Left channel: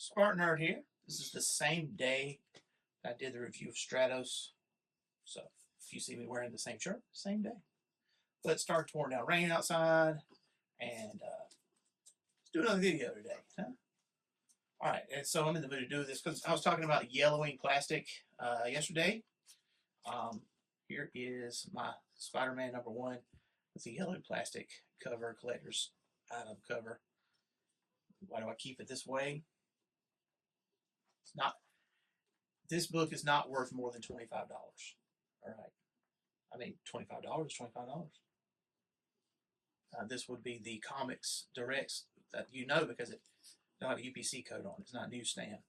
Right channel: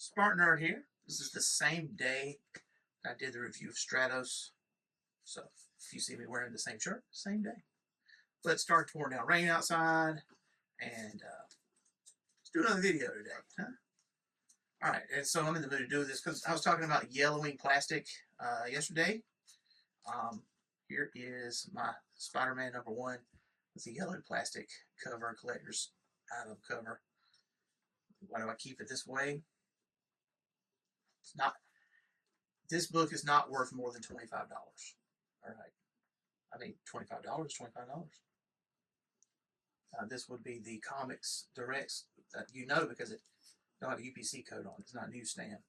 SpartanNerd here. This is the same day I did the review of Stratos. So if you see me wearing the same shirt, same day. But it started pouring down rain outside, and let's do another video today. Huh? All right, and so I'm in the mood to do this because I was talking about yellowing plastic yesterday. Here is my Spider-Man #1 with the yellow plastic cover, collector's item cover. Why do I keep it this way? It's not. This book is not worth more than $25. All right. I mean, $25, $25. This would be the Comics Directs that you know because it don't have a UPC code on it. It's not a newsstand.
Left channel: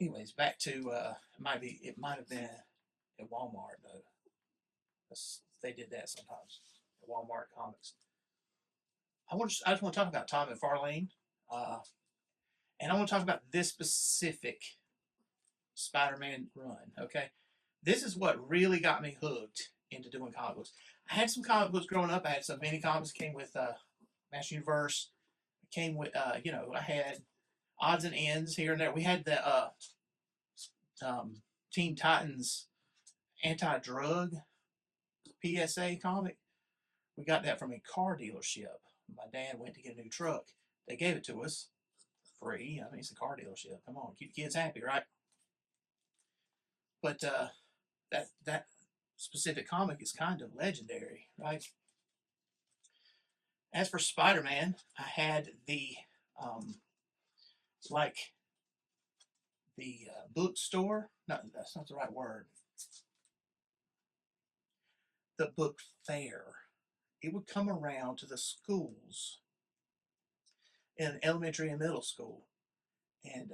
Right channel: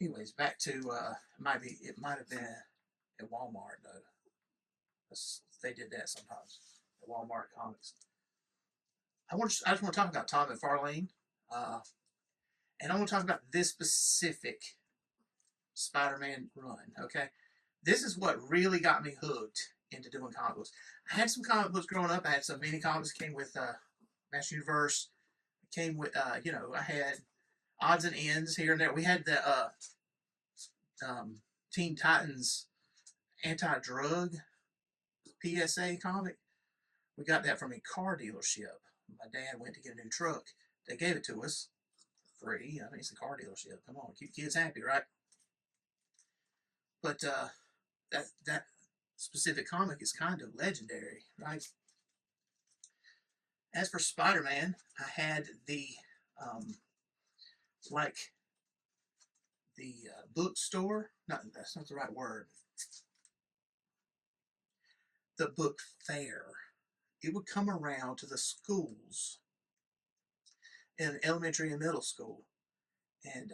Anyways, back to it might have been at Walmart though. They did that sometimes at Walmart Comics. I just want to talk about Todd McFarlane, and I want to talk about this specific Spider-Man run. Okay, this is what really got me hooked into doing comic books. I had some comic books growing up. I had some mini comics. Came with Master Universe. Came with I had odds and ends here and there. We had the Teen Titans anti-drug PSA comic. We got that from a car dealership. My dad went to get a new truck. They gave it to us for free. I mean, it's a car dealership. Come on, keep kids happy, right? But that specific comic is kind of legendary, right? As for Spider-Man, I had the bookstore. No, that's not the right word. The book fair. It would come around to the schools in elementary and middle school, and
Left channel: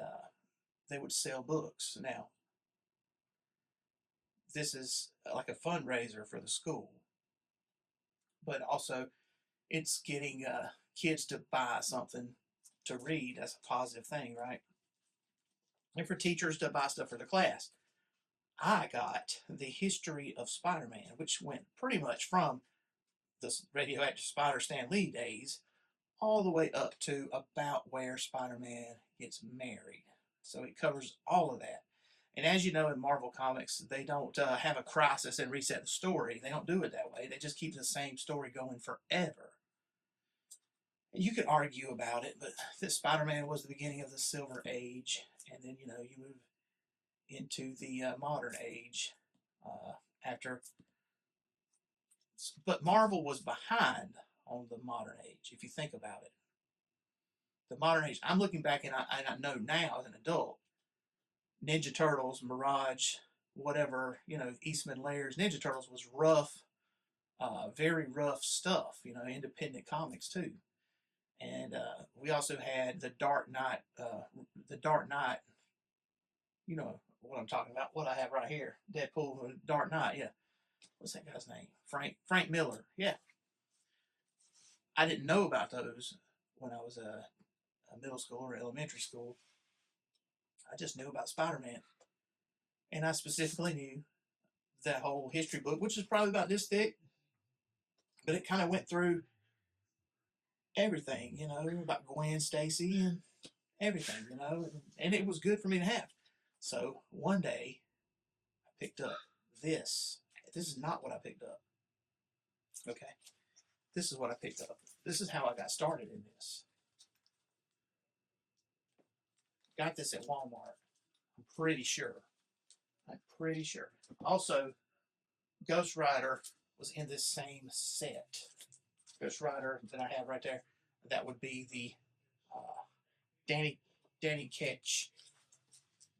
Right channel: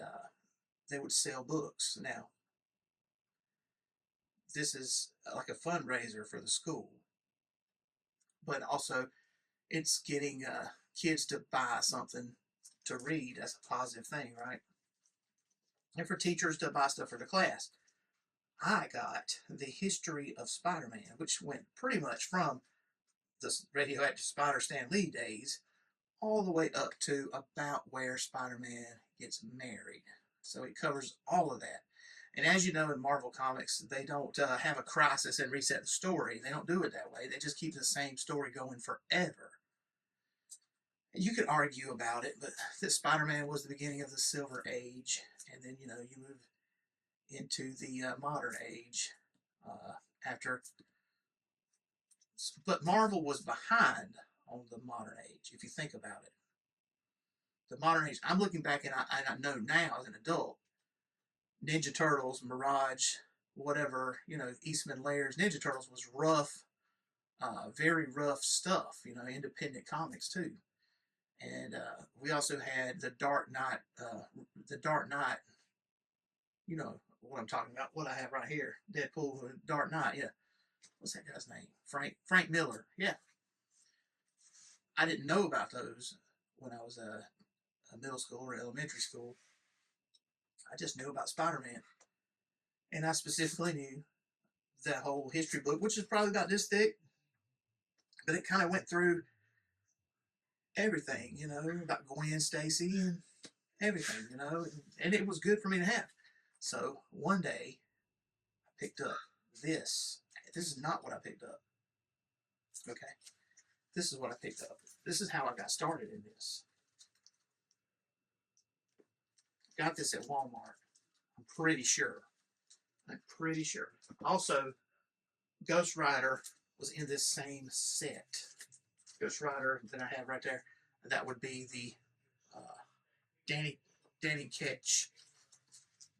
they would sell books. Now, this is like a fundraiser for the school, but also it's getting kids to buy something to read. That's a positive thing, right? And for teachers to buy stuff for their class. I got the history of Spider-Man, which went pretty much from the radioactive Spider Stan Lee days all the way up to about where Spider-Man gets married. So it covers all of that. And as you know, in Marvel Comics, they don't have a crisis and reset the story. They don't do it that way. They just keep the same story going forever. You could argue about it, but that Spider-Man was the beginning of the Silver Age, and then, you move into the modern age after. But Marvel was behind on the modern age, if you think about it. The modern age, I'm looking back and I know now as an adult, Ninja Turtles, Mirage, whatever, Eastman Layers, Ninja Turtles was rough, very rough stuff, independent comics too. And we also had the Dark Knight, you know what I'm talking about, what I have right here, Deadpool, Dark Knight, yeah. What's that guy's name? Frank Miller, yeah. I didn't know about those when I was a middle school or elementary school. I just knew about Spider-Man. And I specifically knew that whole history book, which is probably about this thick, but it kind of went through everything, about Gwen Stacy and everything, and it was good for me to have. So one day I picked up this. This is not what I picked up. Okay. This is what I picked up. This is how I got started in this. Got this at Walmart. I'm pretty sure. Also, Ghost Rider was in this same set. Ghost Rider that I have right there. That would be the Danny Ketch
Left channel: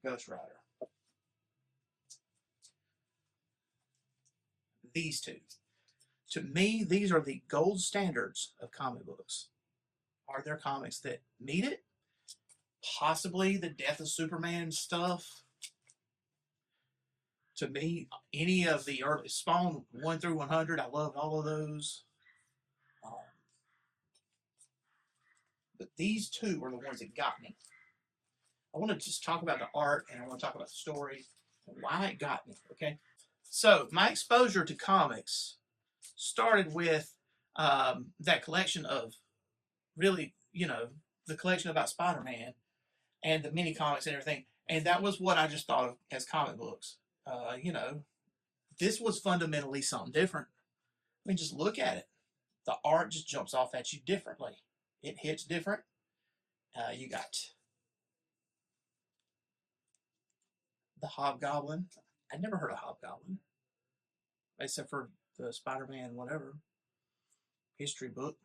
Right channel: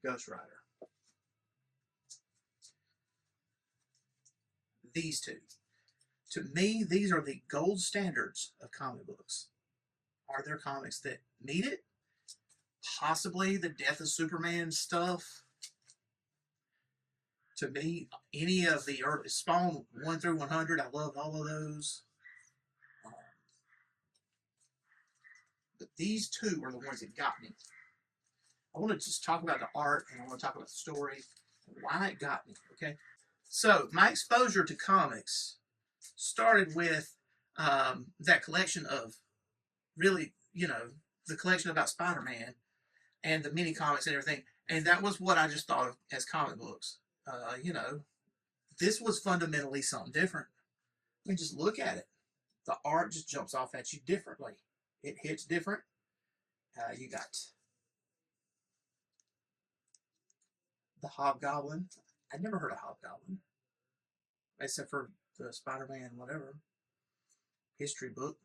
Ghost Rider. These two. To me, these are the gold standards of comic books. Are there comics that meet it? Possibly the Death of Superman stuff. To me, any of the early Spawn 1 through 100, I loved all of those. But these two are the ones that got me. I want to just talk about the art, and I want to talk about the story and why it got me, okay? So, my exposure to comics started with that collection of, really, the collection about Spider-Man. and the mini comics and everything. And that was what I just thought of as comic books. You know, this was fundamentally something different. I mean, just look at it. The art just jumps off at you differently. It hits different. You got the Hobgoblin. I'd never heard of Hobgoblin, except for the Spider-Man whatever history book.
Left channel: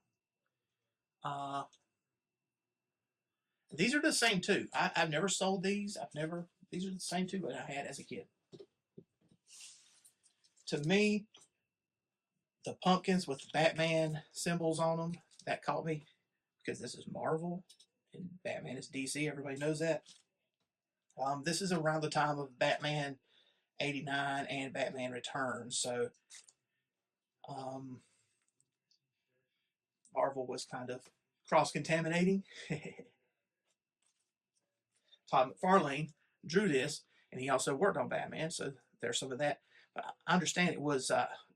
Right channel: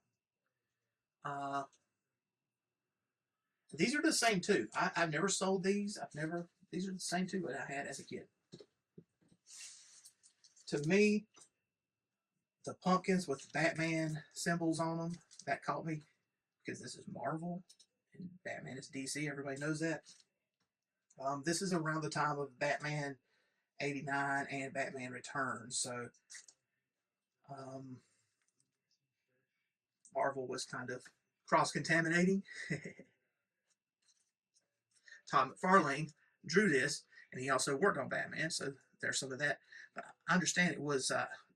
Uh, these are the same two. I've never sold these. These are the same two that I had as a kid. To me, the pumpkins with the Batman symbols on them, that caught me because this is Marvel and Batman is DC. Everybody knows that. This is around the time of Batman 89 and Batman Returns, so Marvel was kind of cross-contaminating. Todd McFarlane drew this, and he also worked on Batman, so there's some of that. But I understand it was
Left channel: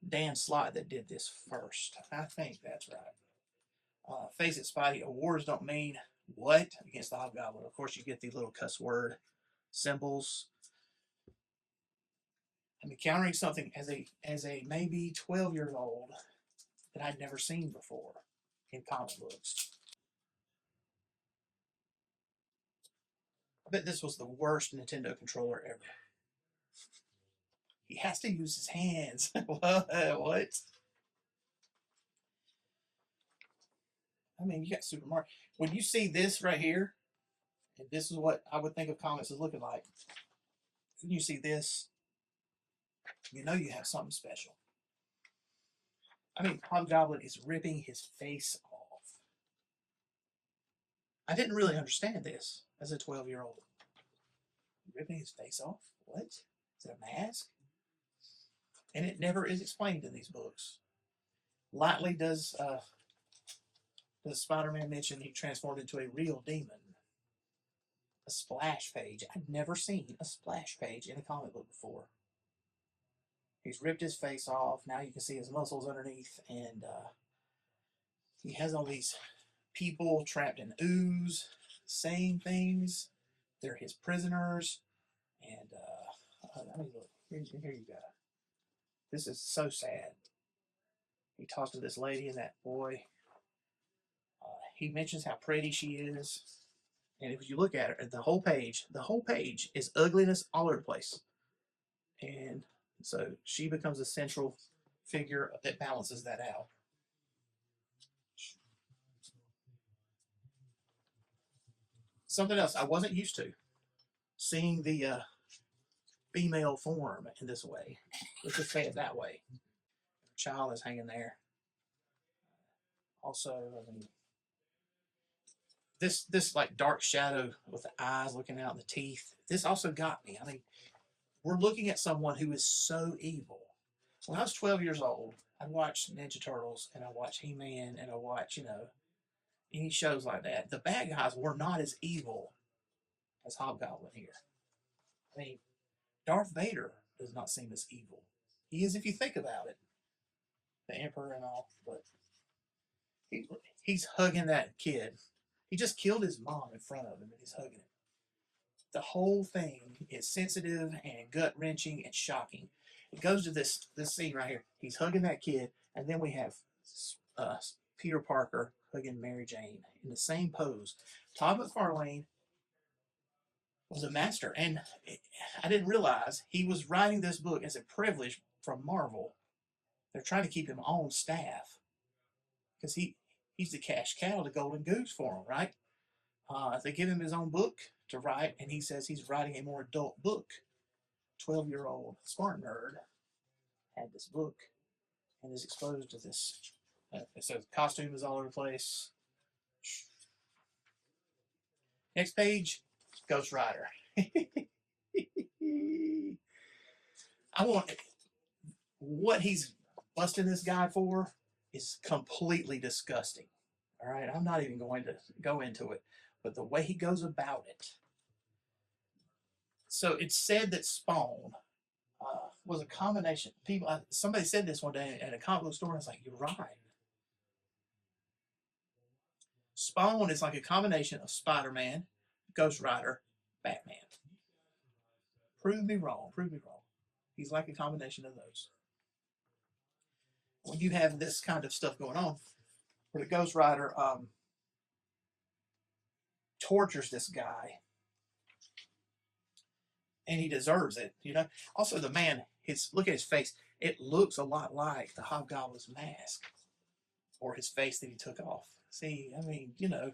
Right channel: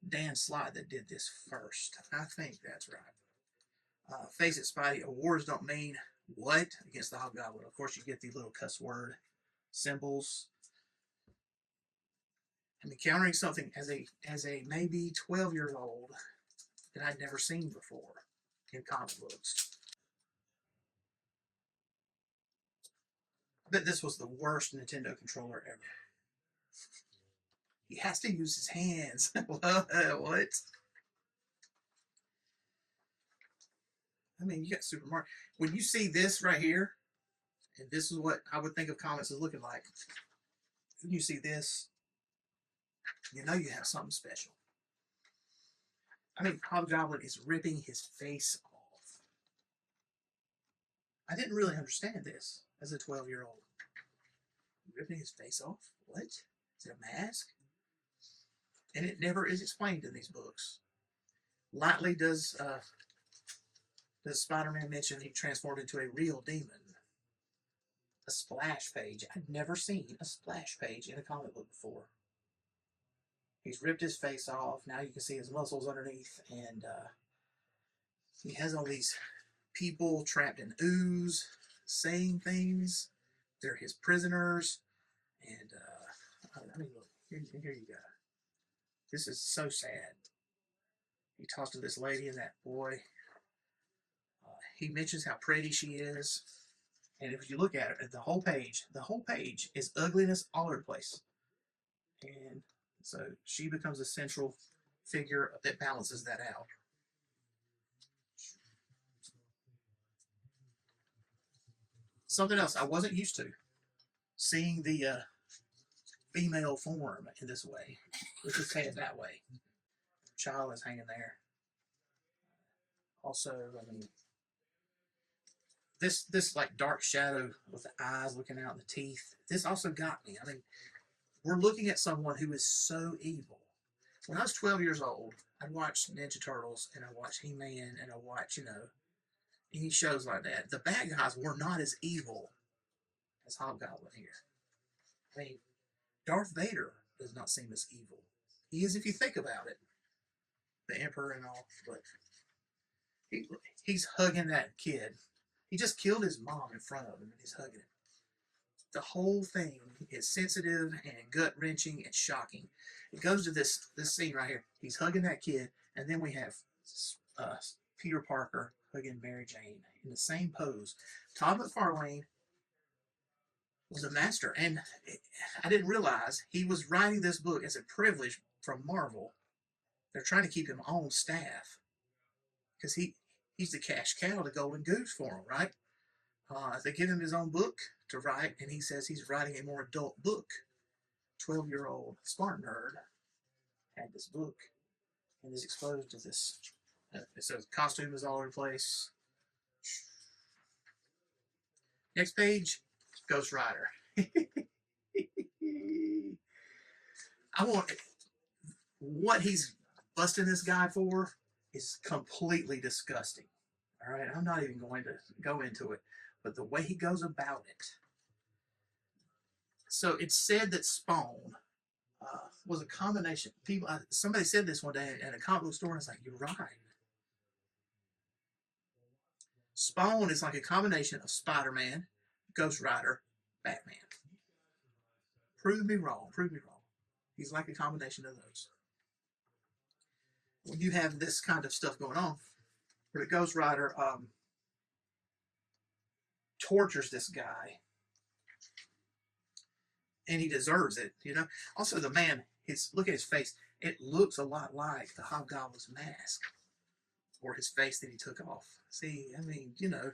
Dan Slott that did this first. I think that's right. Face it, Spidey, awards don't mean what against the Hobgoblin. Of course, you get the little cuss word symbols. I'm encountering something as a maybe 12-year-old that I'd never seen before in comic books. I bet this was the worst Nintendo controller ever. He has to use his hands. What? I mean, you got Super Mario. When you see this right here, and this is what I would think of comics as looking like, when you see this, you know you have something special. I mean, Hobgoblin is ripping his face off. I didn't really understand this as a 12-year-old. Ripping his face off? What? Is it a mask? And it never is explained in these books. Lightly does Spider-Man mention he transformed into a real demon. A splash page. I've never seen a splash page in a comic book before. He's ripped his face off. Now you can see his muscles underneath, and he has all these people trapped in ooze saying things. They're his prisoners, and I mean, look, here you go. This is so sad. He talks to this lady and that boy. He mentions how pretty she is, and if you look at it, the whole page is ugliness all over the place, and so she becomes a central figure that balances that out. Something else I wasn't used to, seeing the female form in this way. Let's just say it that way. Child is hanging there. Also, I mean, this like dark shadow with the eyes looking out, the teeth. This also got me. I mean, we're looking at someone who is so evil. When I was 12 years old, I watched Ninja Turtles and I watched He-Man and I watched, any shows like that. The bad guys were not as evil as Hobgoblin here. I mean, Darth Vader does not seem as evil. He is if you think about it. The Emperor and all, but he's hugging that kid. He just killed his mom in front of him and he's hugging him. The whole thing is sensitive and gut-wrenching and shocking. It goes to this scene right here. He's hugging that kid, and then we have Peter Parker hugging Mary Jane in the same pose. Todd McFarlane was a master, and I didn't realize he was writing this book as a privilege from Marvel. They're trying to keep him on staff because he's the cash cow, the golden goose for him, right? They give him his own book to write, and he says he's writing a more adult book. 12-year-old SpartanNerd had this book and is exposed to this. It says costume is all over the place. Next page, Ghost Rider. I want what he's busting this guy for is completely disgusting. All right, I'm not even going to go into it, but the way he goes about it. So it's said that Spawn was a combination. Somebody said this one day at a comic book store, and I was like, "You're right." Spawn is like a combination of Spider-Man, Ghost Rider, Batman. Prove me wrong. Prove me wrong. He's like a combination of those. When you have this kind of stuff going on, where the Ghost Rider tortures this guy, and he deserves it, you know. Also, the man, look at his face. It looks a lot like the Hobgoblin's mask, or his face that he took off. See, I mean, you know,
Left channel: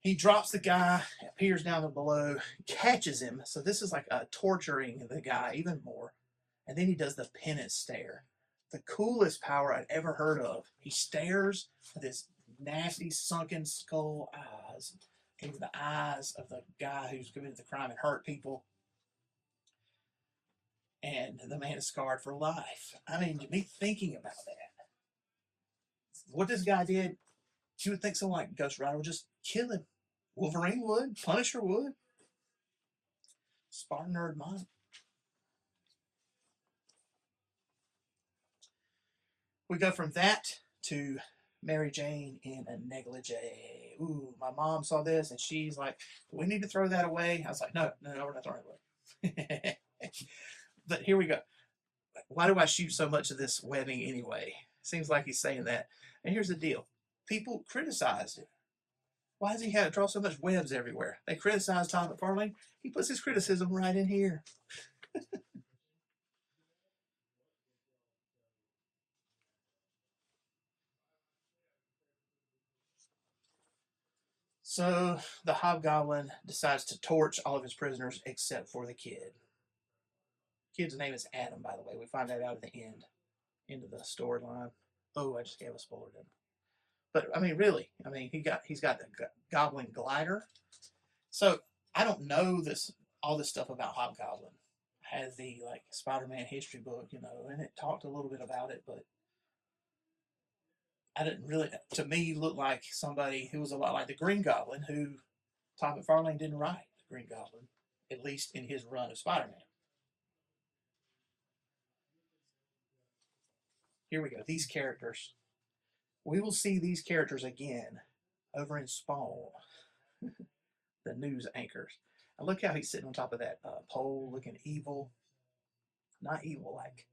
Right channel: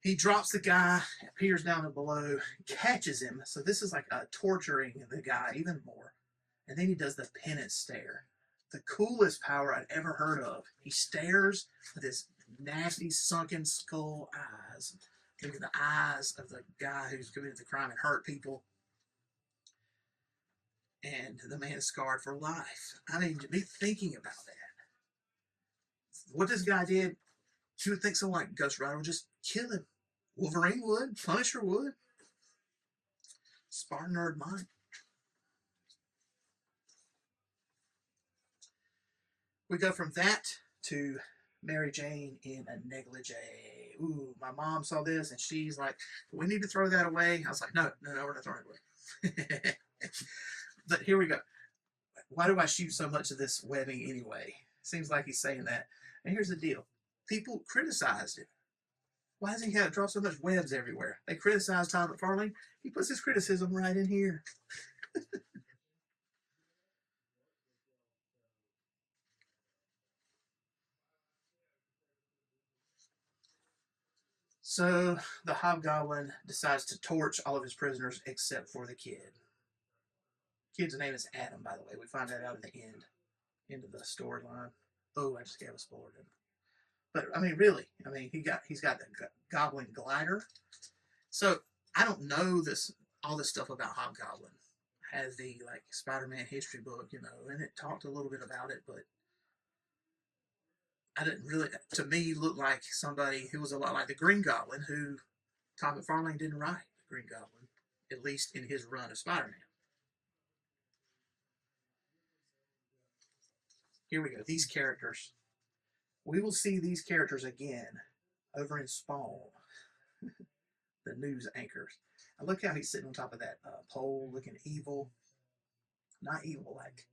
he drops the guy, appears down below, catches him. So this is like torturing the guy even more. And then he does the penance stare. The coolest power I'd ever heard of. He stares with his nasty, sunken skull eyes into the eyes of the guy who's committed the crime and hurt people. And the man is scarred for life. I mean, me thinking about that. What this guy did, you would think someone like Ghost Rider would just kill him. Wolverine would. Punisher would. SpartanNerd might. We go from that to Mary Jane in a negligee. Ooh, my mom saw this and she's like, we need to throw that away. I was like, no, we're not throwing it away. But here we go. Why do I shoot so much of this webbing anyway? Seems like he's saying that. And here's the deal. People criticized it. Why does he have to draw so much webs everywhere? They criticize Todd McFarlane. He puts his criticism right in here. So the Hobgoblin decides to torch all of his prisoners except for the kid. Kid's name is Adam, by the way. We find that out at the end of the storyline. Oh, I just gave a spoiler, didn't I? But I mean, really, I mean, he's got the Goblin glider. So I don't know all this stuff about Hobgoblin. I had the like Spider-Man history book, you know, and it talked a little bit about it, but I didn't really. To me, look like somebody who was a lot like the Green Goblin, who Todd McFarlane didn't write the Green Goblin, at least in his run of Spider-Man. Here we go. These characters. We will see these characters again over in Spawn, the news anchors. And look how he's sitting on top of that pole, looking evil. Not evil, like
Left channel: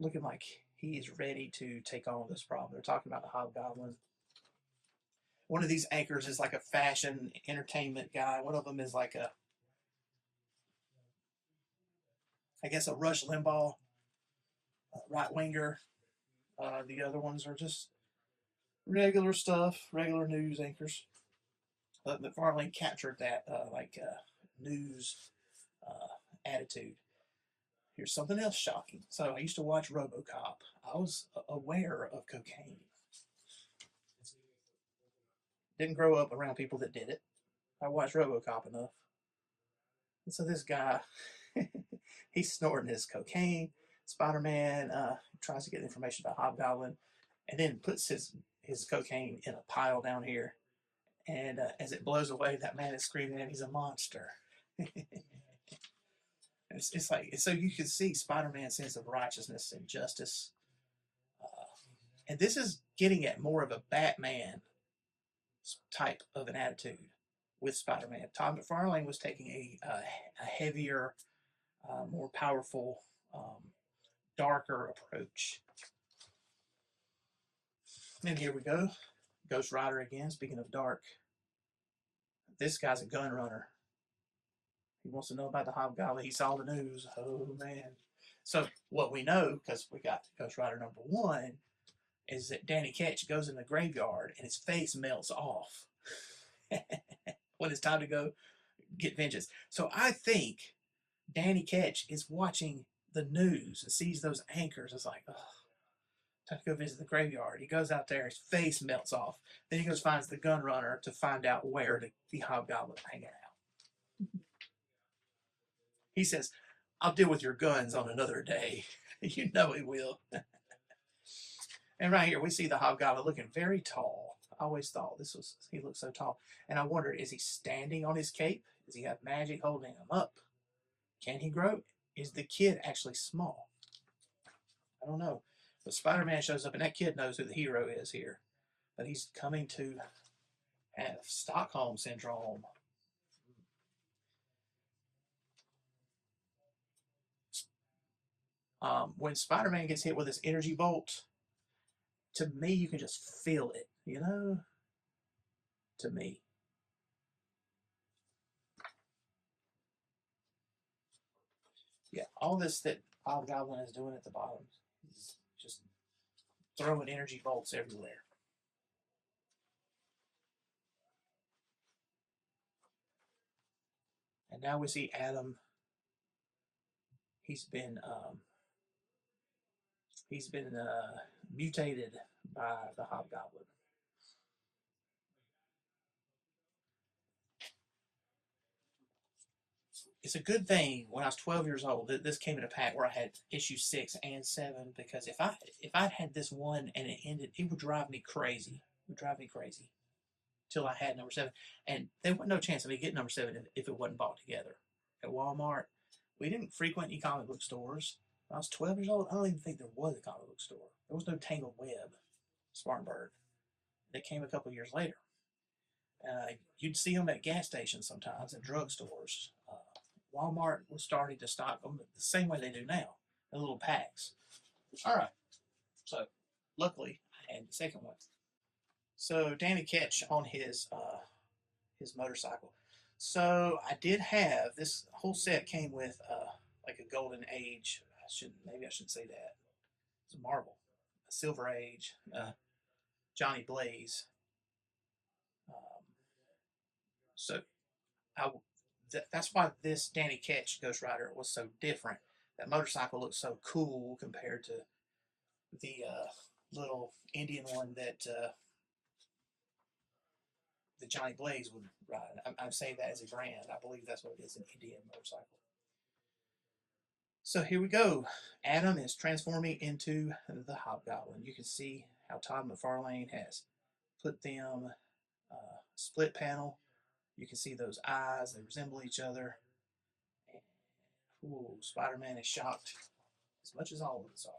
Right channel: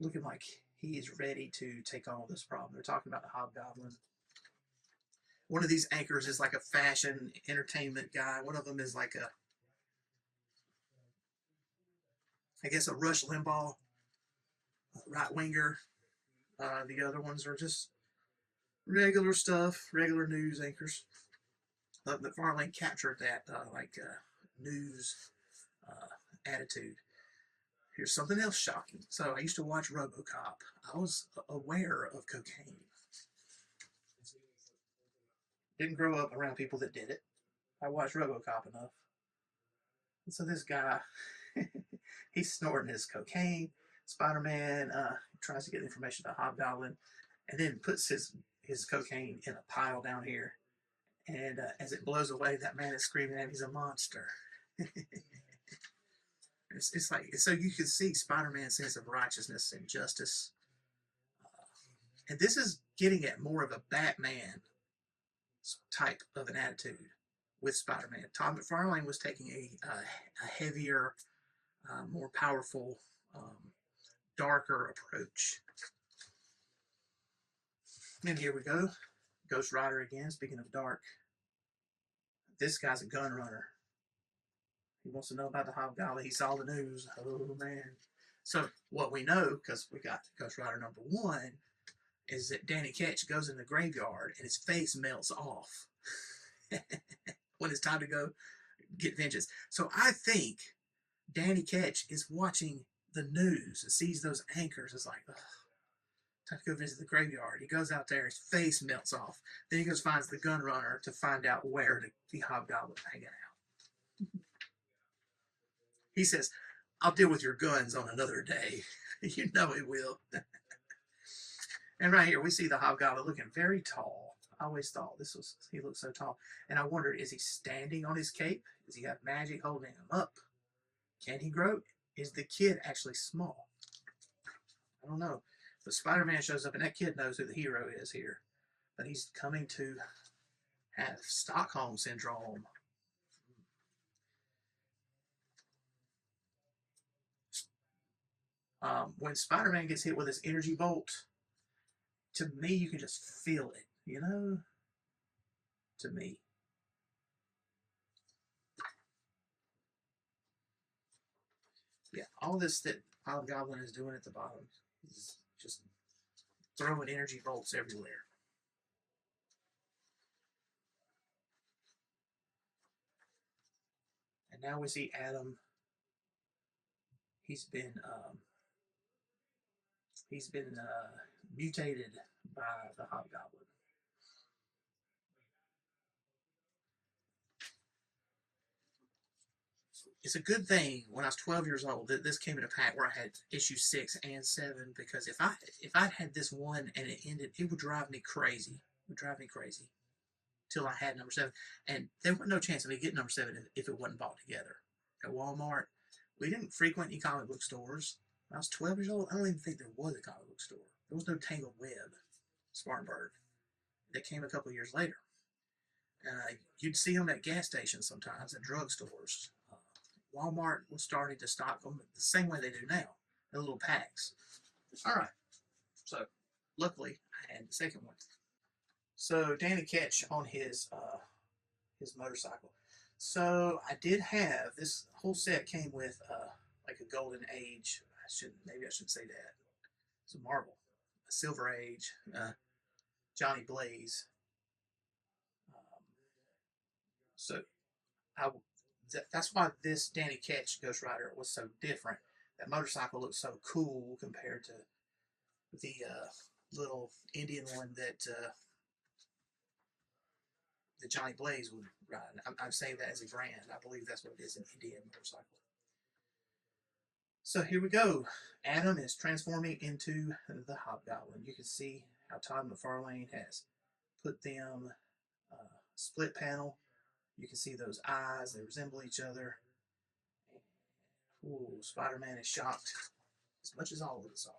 looking like he is ready to take on this problem. They're talking about the Hobgoblin. One of these anchors is like a fashion entertainment guy. One of them is like I guess a Rush Limbaugh right winger. The other ones are just regular stuff, regular news anchors. McFarlane captured that news attitude. Here's something else shocking. So I used to watch RoboCop. I was aware of cocaine. Didn't grow up around people that did it. I watched RoboCop enough. And so this guy, he's snorting his cocaine. Spider-Man tries to get information about Hobgoblin, and then puts his cocaine in a pile down here. And as it blows away, that man is screaming at him, he's a monster. It's like, so you can see Spider-Man's sense of righteousness and justice. And this is getting at more of a Batman type of an attitude with Spider-Man. Todd McFarlane was taking a heavier, more powerful, darker approach. And here we go. Ghost Rider again, speaking of dark. This guy's a gun runner. He wants to know about the Hobgoblin. He saw the news. Oh, man. So what we know, because we got Ghost Rider #1, is that Danny Ketch goes in the graveyard and his face melts off when it's time to go get vengeance. So I think Danny Ketch is watching the news and sees those anchors. It's like, oh, time to go visit the graveyard. He goes out there, his face melts off. Then he goes finds the gun runner to find out where the Hobgoblin hanging out. He says, I'll deal with your guns on another day. You know he will. And right here, we see the Hobgoblin looking very tall. I always thought he looked so tall. And I wondered, is he standing on his cape? Does he have magic holding him up? Can he grow? Is the kid actually small? I don't know. But Spider-Man shows up, and that kid knows who the hero is here. But he's coming to have Stockholm Syndrome. When Spider-Man gets hit with his energy bolt, to me, you can just feel it, you know? To me. Yeah, all this that Hobgoblin is doing at the bottom is just throwing energy bolts everywhere. And now we see Adam. He's been mutated by the Hobgoblin. It's a good thing when I was 12 years old that this came in a pack where I had issue 6 and 7, because if I'd had this one and it ended, it would drive me crazy. It would drive me crazy till I had number 7, and there was no chance of me getting number 7 if it wasn't bought together at Walmart. We didn't frequent any comic book stores. When I was 12 years old, I don't even think there was a comic book store. There was no Tangled Web, SpartanNerd. That came a couple of years later. You'd see them at gas stations sometimes, at drugstores. Walmart was starting to stock them the same way they do now, in little packs. All right. So, luckily, I had the second one. So, Danny Ketch on his motorcycle. So, I did have this whole set came with like a Golden Age. Maybe I shouldn't say that. It's a Marvel, a Silver Age, Johnny Blaze. So, that's why this Danny Ketch Ghost Rider was so different. That motorcycle looked so cool compared to the little Indian one that Johnny Blaze would ride. I'm saying that as a brand. I believe that's what it is, an Indian motorcycle. So here we go. Adam is transforming into the Hobgoblin. You can see how Todd McFarlane has put them split panel. You can see those eyes. They resemble each other. Ooh, Spider-Man is shocked as much as all of us are.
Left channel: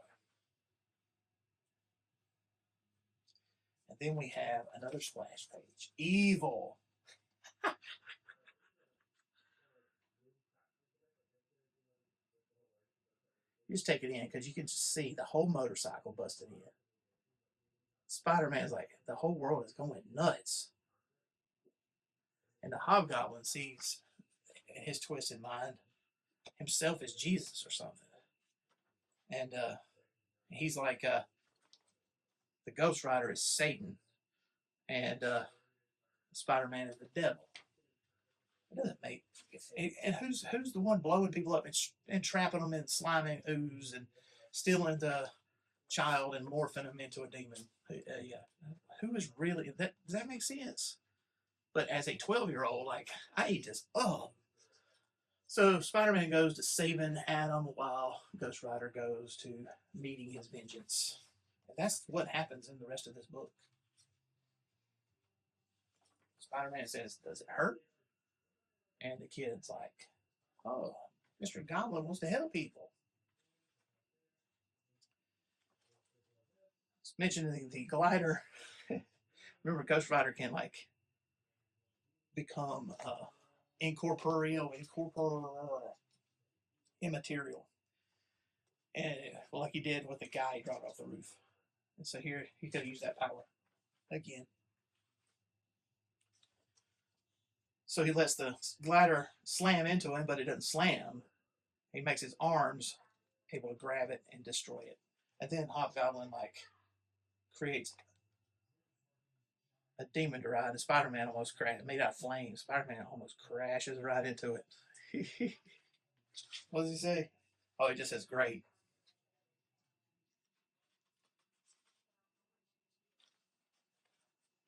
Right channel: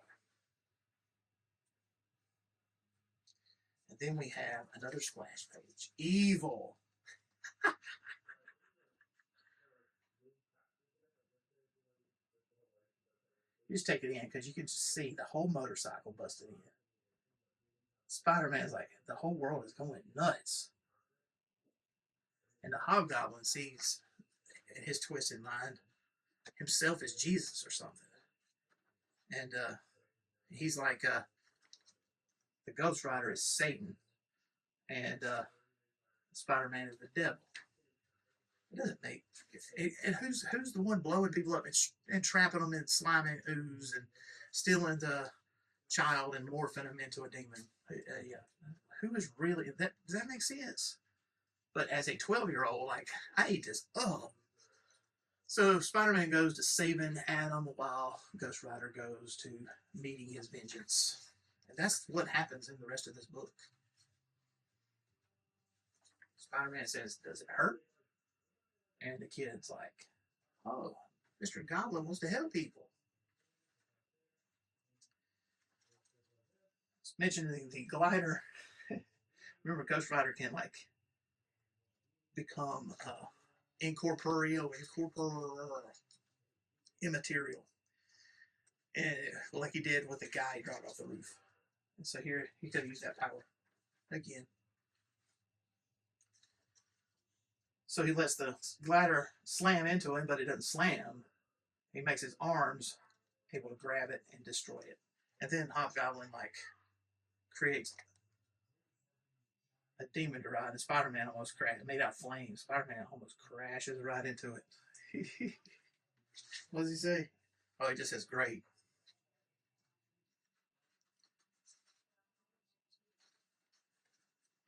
And then we have another splash page. Evil. You just take it in because you can just see the whole motorcycle busted in. Spider-Man's like, the whole world is going nuts. And the Hobgoblin sees, in his twisted mind, himself as Jesus or something. And he's like, the Ghost Rider is Satan, and Spider-Man is the devil. It doesn't make. And who's the one blowing people up and trapping them in slimy ooze and stealing the child and morphing them into a demon? Yeah, who is really that? Does that make sense? But as a 12-year-old, like, I ate this up. So Spider-Man goes to saving Adam while Ghost Rider goes to meeting his vengeance. And that's what happens in the rest of this book. Spider-Man says, "Does it hurt?" And the kid's like, "Oh, Mr. Goblin wants to help people." Mentioning the glider. Remember, Ghost Rider can like become incorporeal, immaterial, and well, like he did with the guy he dropped off the roof. And so here he could have used that power again. So he lets the glider slam into him, but it doesn't slam. He makes his arms able to grab it and destroy it. And then Hobgoblin like creates a demon to ride, and Spider-Man almost crashes, made out of flames. Spider-Man almost crashes right into it. What does he say? Oh, he just says, "Great."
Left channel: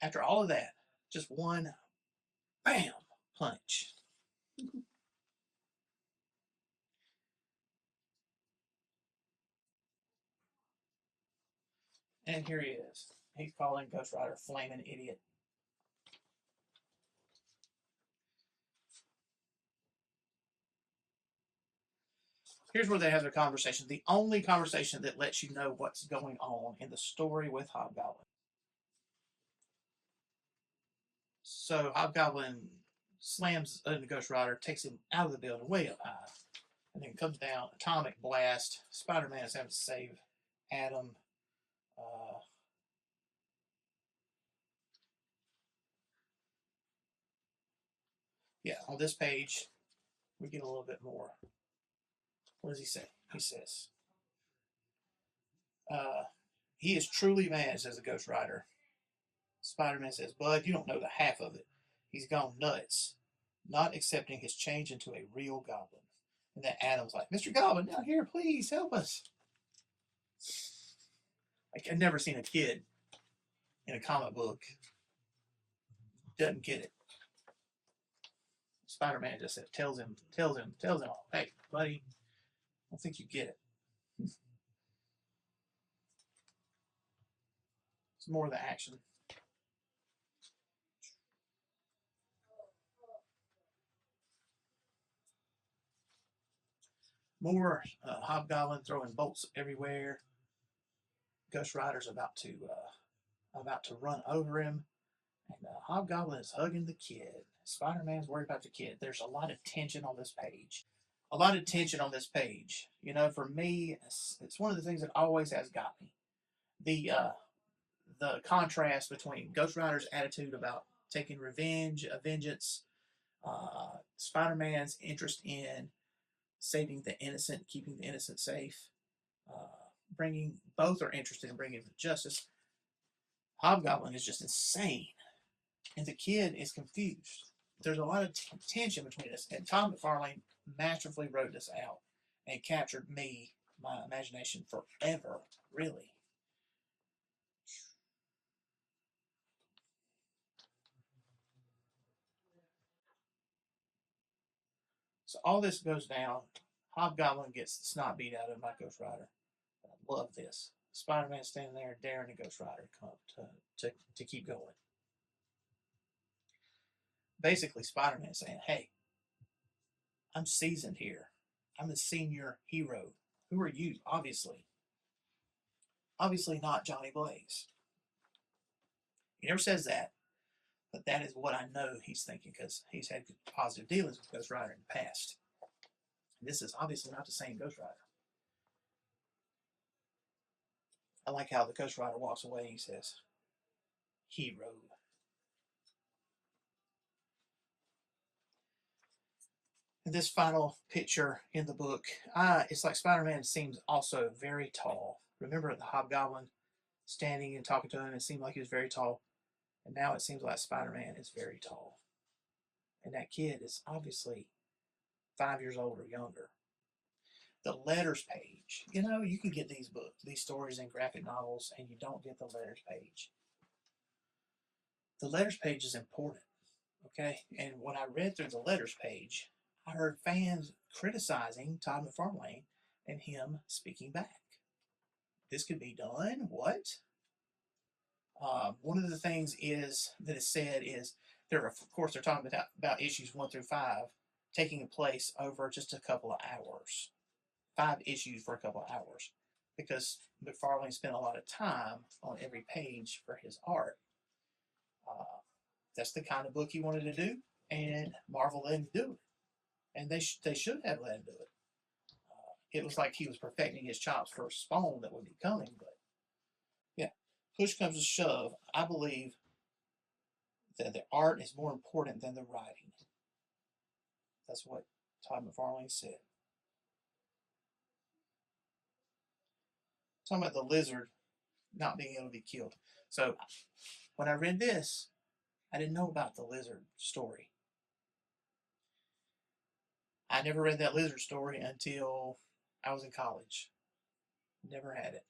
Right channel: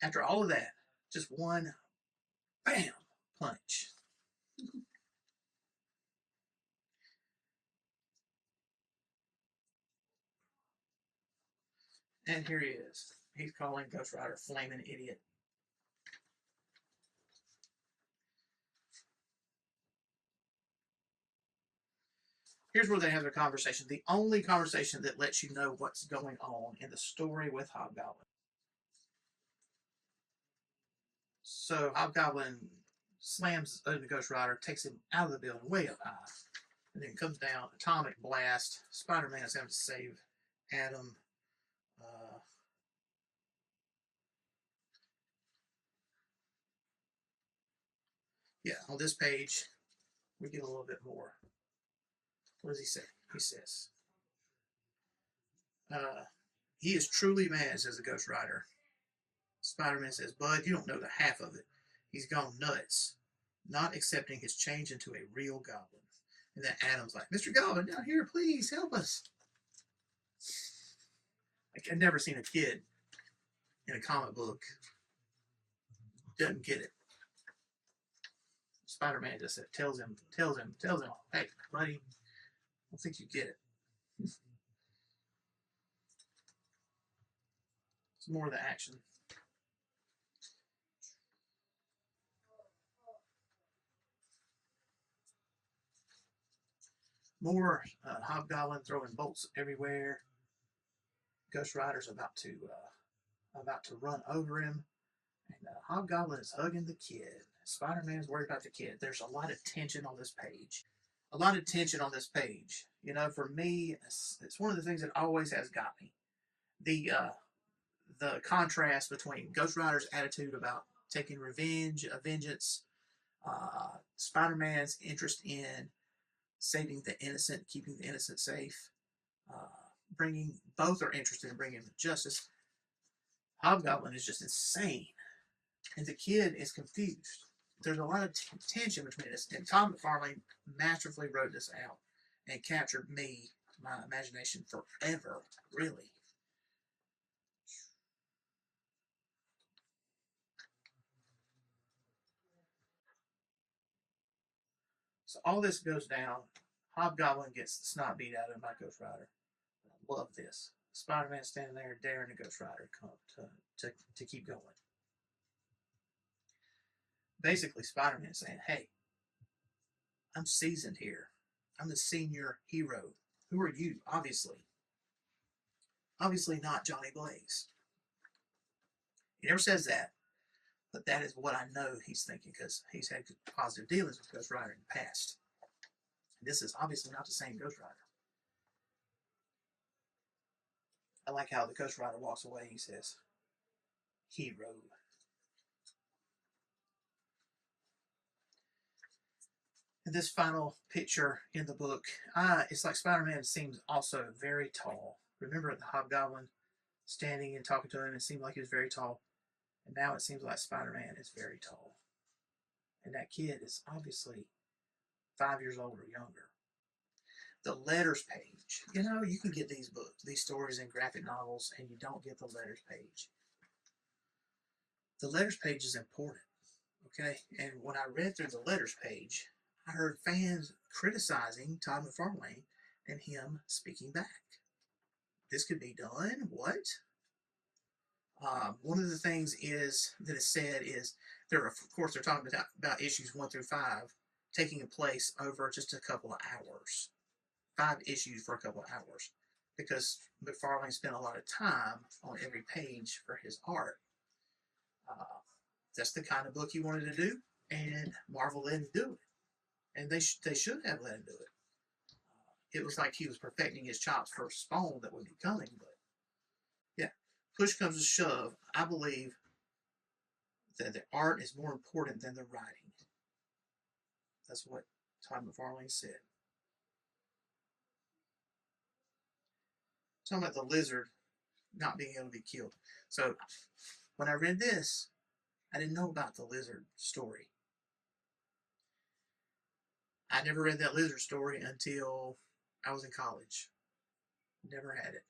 After all of that, just one, bam, punch. And here he is. He's calling Ghost Rider flaming idiot. Here's where they have their conversation. The only conversation that lets you know what's going on in the story with Hobgoblin. So Hobgoblin slams into Ghost Rider, takes him out of the building way up high. And then it comes down, atomic blast. Spider-Man is having to save Adam. Yeah, on this page, we get a little bit more. What does he say? He says, he is truly mad, says the Ghost Rider. Spider-Man says, Bud, you don't know the half of it. He's gone nuts, not accepting his change into a real goblin. And then Adam's like, Mr. Goblin, down here, please help us. Like, I've never seen a kid in a comic book doesn't get it. Spider-Man just tells him, hey, buddy, I don't think you get it. It's more of the action. More Hobgoblin throwing bolts everywhere. Ghost Rider's about to run over him, and Hobgoblin is hugging the kid. Spider-Man's worried about the kid. There's a lot of tension on this page. A lot of tension on this page. You know, for me, it's one of the things that always has got me. The contrast between Ghost Rider's attitude about taking revenge, vengeance, Spider-Man's interest in saving the innocent, keeping the innocent safe, both are interested in bringing them to justice. Hobgoblin is just insane, and the kid is confused. There's a lot of tension between us, and Todd McFarlane masterfully wrote this out and captured my imagination forever, really. So all this goes down. Hobgoblin gets the snot beat out of him by Ghost Rider. I love this. Spider-Man standing there daring the Ghost Rider to come to keep going. Basically, Spider-Man saying, hey, I'm seasoned here. I'm the senior hero. Who are you? Obviously not Johnny Blaze. He never says that, but that is what I know he's thinking because he's had positive dealings with Ghost Rider in the past. This is obviously not the same Ghost Rider. I like how the Ghost Rider walks away and he says, hero. And this final picture in the book, it's like Spider-Man seems also very tall. Remember the Hobgoblin standing and talking to him? It seemed like he was very tall. And now it seems like Spider-Man is very tall. And that kid is obviously 5 years old or younger. The letters page. You know, you can get these books, these stories in graphic novels, and you don't get the letters page. The letters page is important, okay? And when I read through the letters page, I heard fans criticizing Todd McFarlane and him speaking back. This could be done? What? One of the things is that is said is of course they're talking about issues 1 through 5 taking place over just a couple of hours. 5 issues for a couple of hours because McFarlane spent a lot of time on every page for his art. That's the kind of book he wanted to do, and Marvel let him do it. And they should have let him do it. It was like he was perfecting his chops for Spawn that would be coming, but yeah, push comes to shove. I believe that the art is more important than the writing. That's what Todd McFarlane said. Talking about the lizard not being able to be killed. So when I read this, I didn't know about the lizard story. I never read that lizard story until I was in college. Never had it.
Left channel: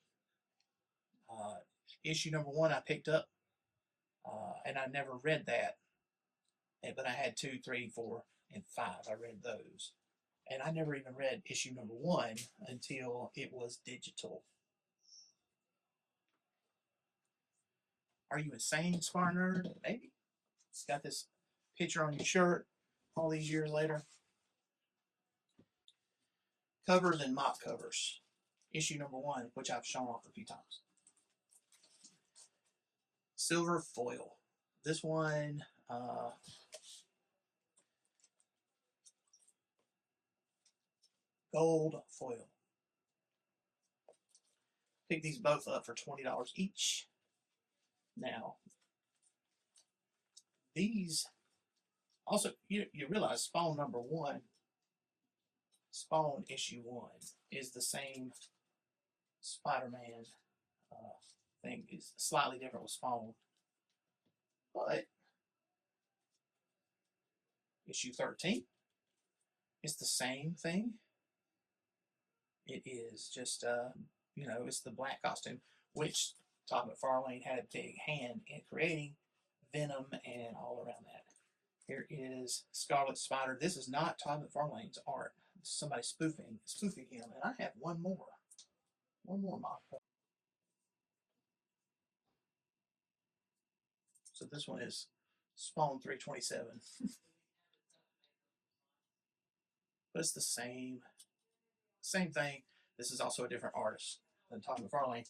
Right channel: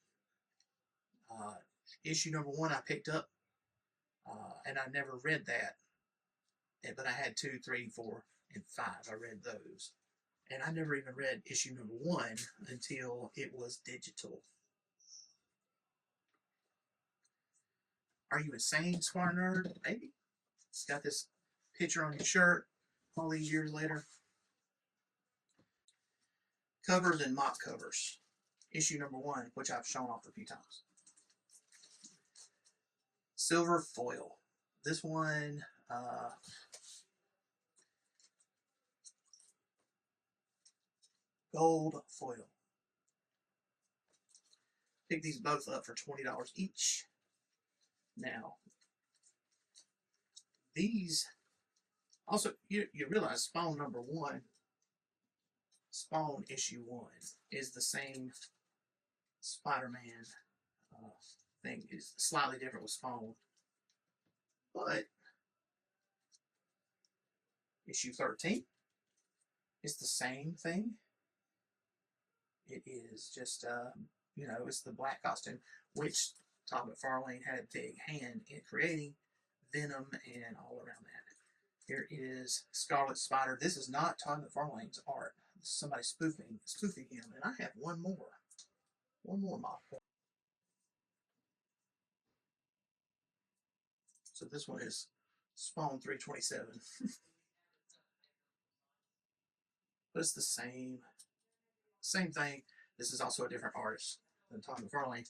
Issue number 1 I picked up, and I never read that. But I had 2, 3, 4, and 5. I read those. And I never even read issue number 1 until it was digital. Are you insane, SpartanNerd? Maybe. It's got this picture on your shirt all these years later. Covers and mock covers. Issue number 1, which I've shown off a few times. Silver foil. This one, gold foil. Pick these both up for $20 each. Now, these also, you realize Spawn number 1, Spawn issue 1 is the same Spider-Man thing. It's slightly different with Spawn, but issue 13 is the same thing. It is just, it's the black costume, which Todd McFarlane had a big hand in creating Venom and all around that. Here is Scarlet Spider. This is not Todd McFarlane's art. This is somebody spoofing him. And I have one more model. So this one is Spawn 327. But it's the same thing. This is also a different artist than Todd McFarlane,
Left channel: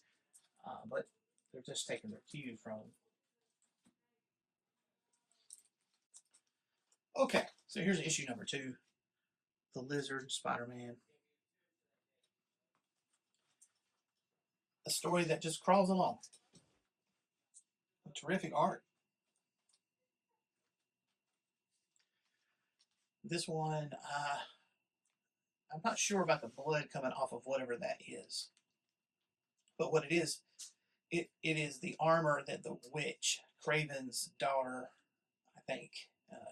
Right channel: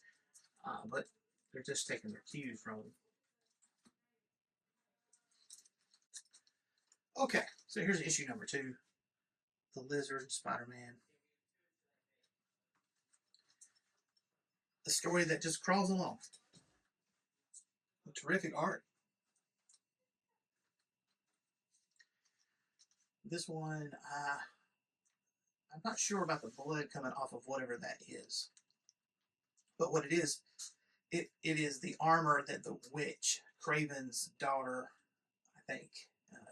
but they're just taking their cue from. Okay, so here's issue number 2, The Lizard Spider-Man. A story that just crawls along. Terrific art. This one, I'm not sure about the blood coming off of whatever that is. But what it is is the armor that the witch, Craven's daughter, I think,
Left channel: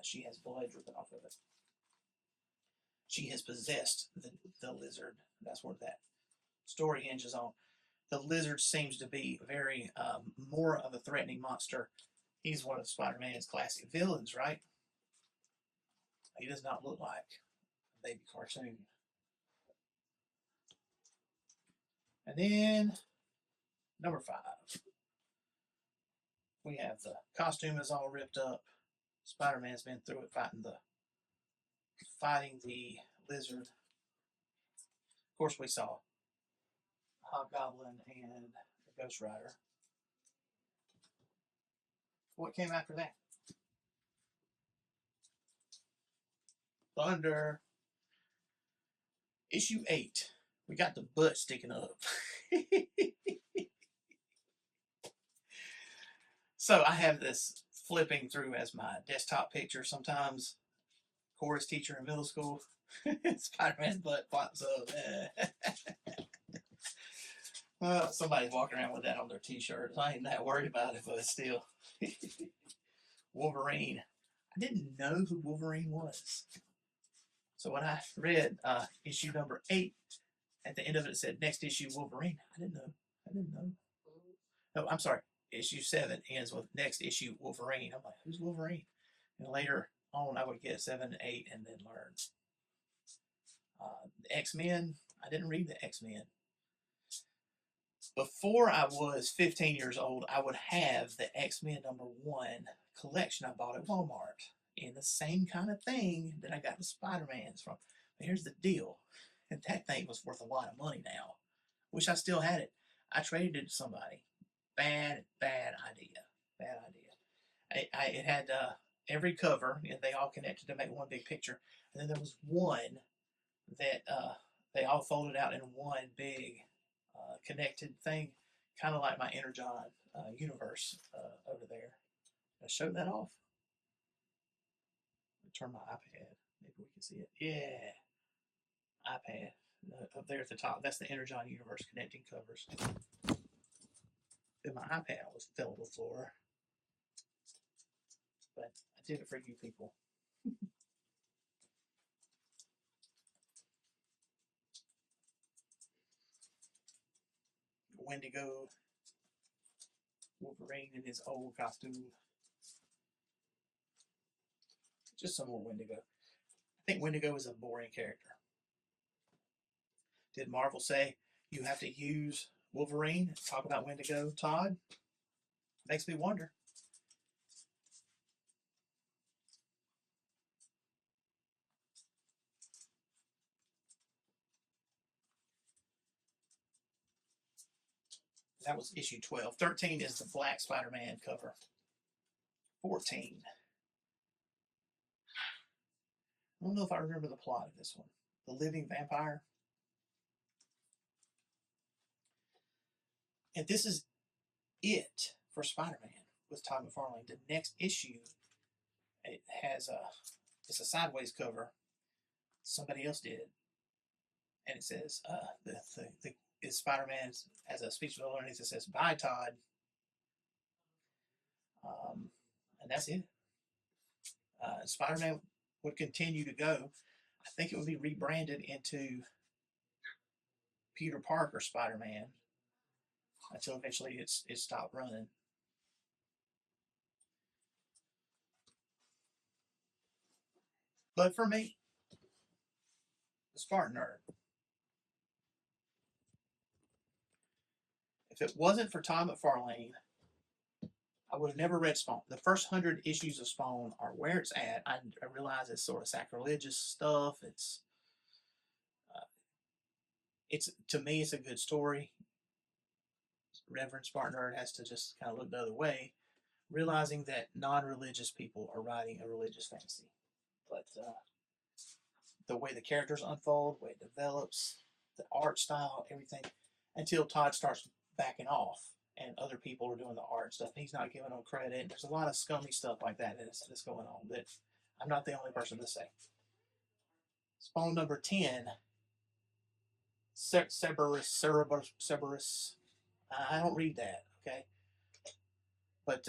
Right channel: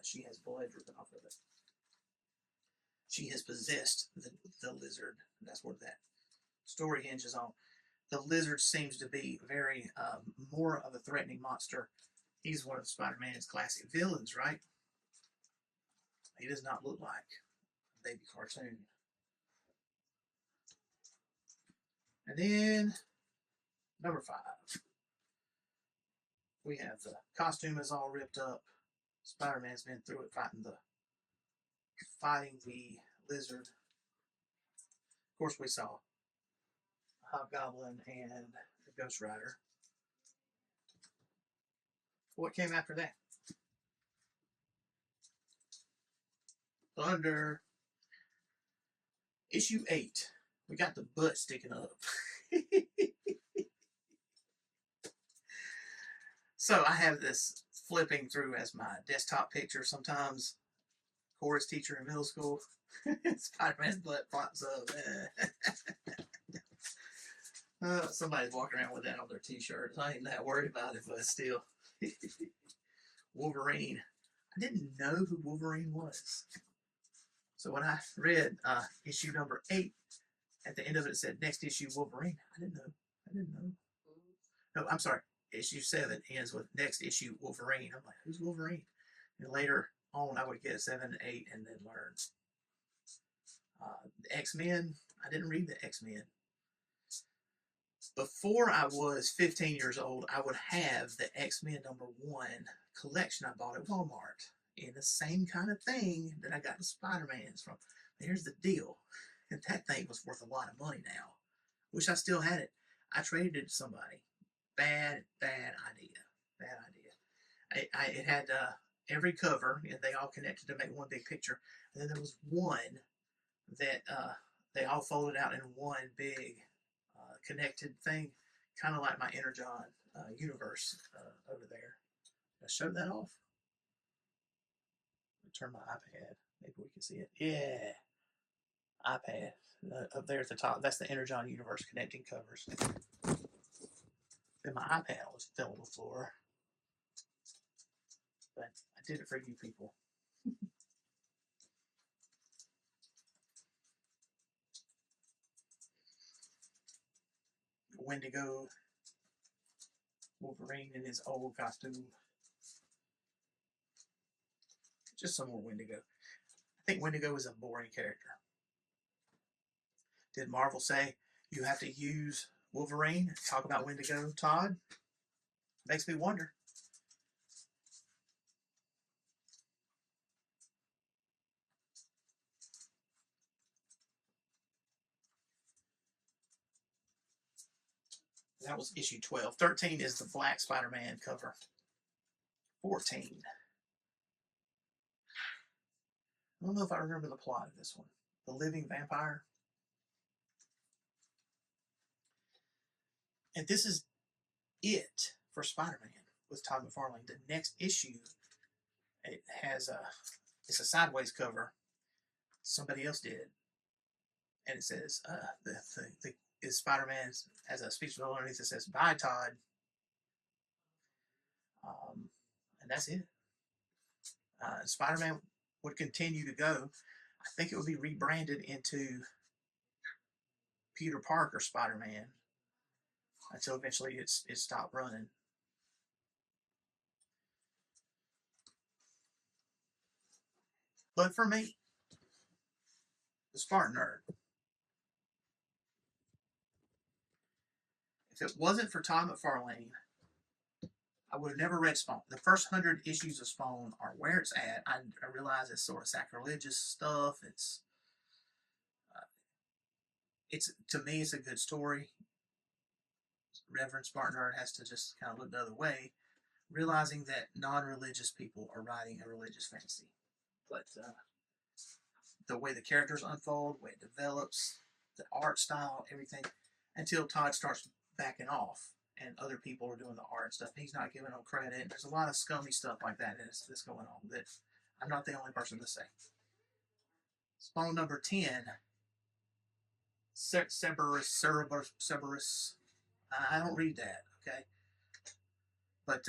she has blood dripping off of it. She has possessed the lizard. That's what that story hinges on. The lizard seems to be very more of a threatening monster. He's one of Spider-Man's classic villains, right? He does not look like a baby cartoon. And then number 5. We have the costume is all ripped up. Spider-Man's been through it fighting the lizard. Of course, we saw Hobgoblin and the Ghost Rider. What came after that? Thunder. Issue 8. We got the butt sticking up. So I have this flipping through as my desktop picture sometimes. Chorus teacher in middle school. Spider-Man's butt pops up. Somebody's walking around with that on their t-shirt. I ain't that worried about it, but still. Wolverine. I didn't know who Wolverine was. So when I read issue number 8, at the end of it said next issue Wolverine. I didn't know. No, I'm sorry. Issue 7 ends with next issue Wolverine. I'm like, who's Wolverine? And later on, I would get 7 and 8 and then learn. The X-Men. I didn't read the X-Men. Before I was 15 years old, I would have the X-Men number 1 collection I bought at Walmart. And the same kind of thing that I got the Spider-Man's from. But here's the deal. And that thing was worth a lot of money now. Wish I still had it. I traded it to somebody. Bad idea. It had every cover, and they all connected to make one big picture. And then there was one that they all folded out in one big connected thing, kind of like my Energon universe over there. I'll show that off. Turn my iPad. Maybe we can see it. Yeah. iPad. Up there at the top. That's the Energon universe connecting covers. Then my iPad almost fell on the floor. But I did it for you people. Wendigo. Wolverine in his old costume. Just some more Wendigo. I think Wendigo is a boring character. Did Marvel say you have to use Wolverine? Talk about Wendigo, Todd? Makes me wonder. That was issue 12. 13 is the Black Spider-Man cover. 14. I don't know if I remember the plot of this one. The Living Vampire. And this is it for Spider-Man with Todd McFarlane. The next issue, it has it's a sideways cover. Somebody else did, and it says the Spider-Man has a speech bubble underneath that says "Bye, Todd," and that's it. Spider-Man would continue to go. I think it would be rebranded into Peter Parker Spider-Man until eventually it stopped running. But for me, the SpartanNerd, if it wasn't for Todd McFarlane, I would have never read Spawn. The first 100 issues of Spawn are where it's at. I realize it's sort of sacrilegious stuff. It's to me, it's a good story. Reverend SpartanNerd has to just kind of look the other way, realizing that non-religious people are writing a religious fantasy. But the way the characters unfold, the way it develops, the art style, everything, until Todd starts backing off and other people are doing the art stuff. And he's not giving them credit. And there's a lot of scummy stuff like that that's going on that I'm not the only person to say. Spawn number 10, Cerberus. I don't read that, okay? But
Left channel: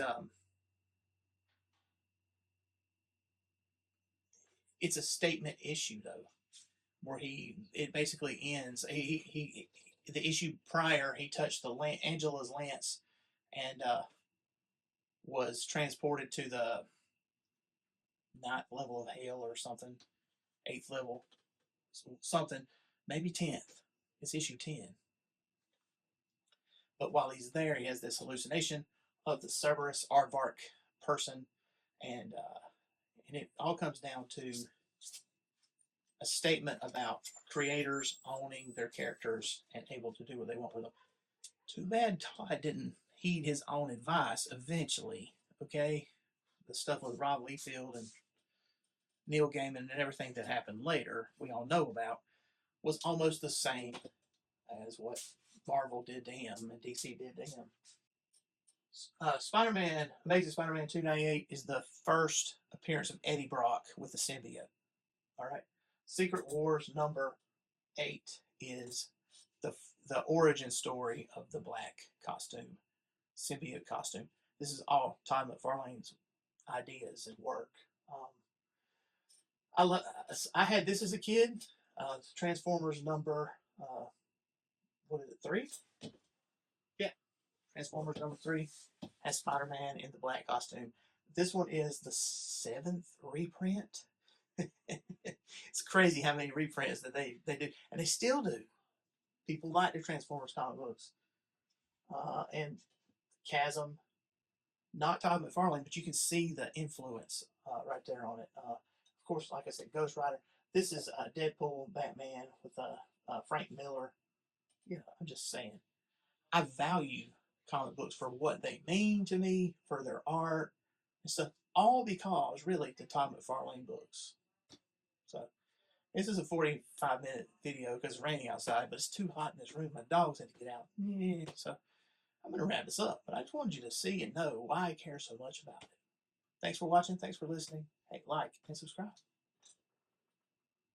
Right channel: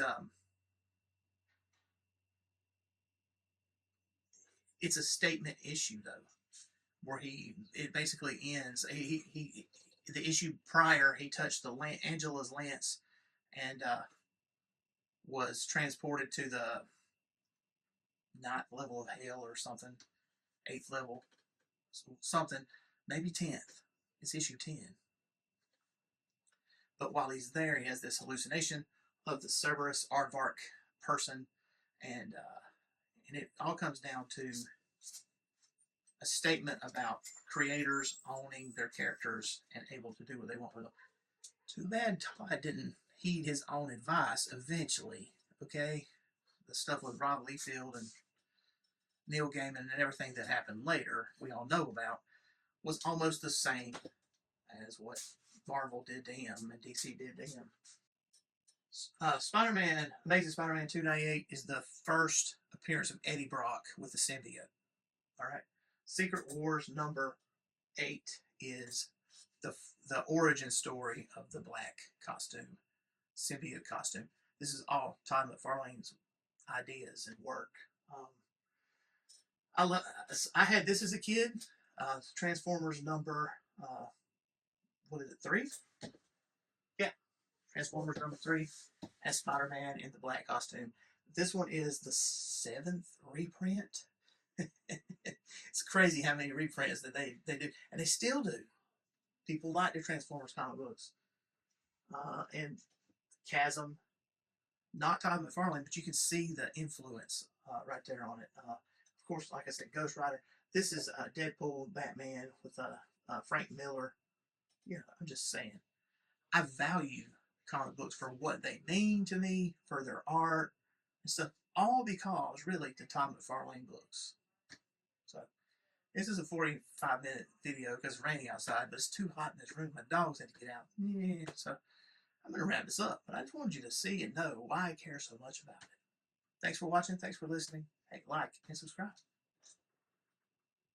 it's a statement issue, though, where it basically ends. The issue prior, he touched Angela's lance and was transported to the 9th level of hell or something, 8th level, something, maybe 10th. It's issue 10. But while he's there, he has this hallucination of the Cerberus Aardvark person, and it all comes down to a statement about creators owning their characters and able to do what they want with them. Too bad Todd didn't heed his own advice eventually, okay? The stuff with Rob Liefeld and Neil Gaiman and everything that happened later, we all know about, was almost the same as what Marvel did to him and DC did to him. Spider-Man, Amazing Spider-Man 298 is the first appearance of Eddie Brock with the symbiote. All right. Secret Wars number 8 is the origin story of the black costume, symbiote costume. This is all Todd McFarlane's ideas and work. I had this as a kid. Transformers number, what is it, 3? Yeah, Transformers number 3 has Spider-Man in the black costume. This one is the 7th reprint. It's crazy how many reprints that they do, and they still do. People like their Transformers comic books. And Chasm, not Todd McFarlane, but you can see the influence right there on it. Of course, like I said, Ghost Rider. This is Deadpool, Batman with Frank Miller. Yeah, I'm just saying. I value comic books for what they mean to me, for their art and stuff, all because really the Todd McFarlane books. So this is a 45-minute video because it's raining outside, but it's too hot in this room. My dogs had to get out. Yeah, so I'm going to wrap this up, but I just wanted you to see and know why I care so much about it. Thanks for watching. Thanks for listening. Hey, like and subscribe.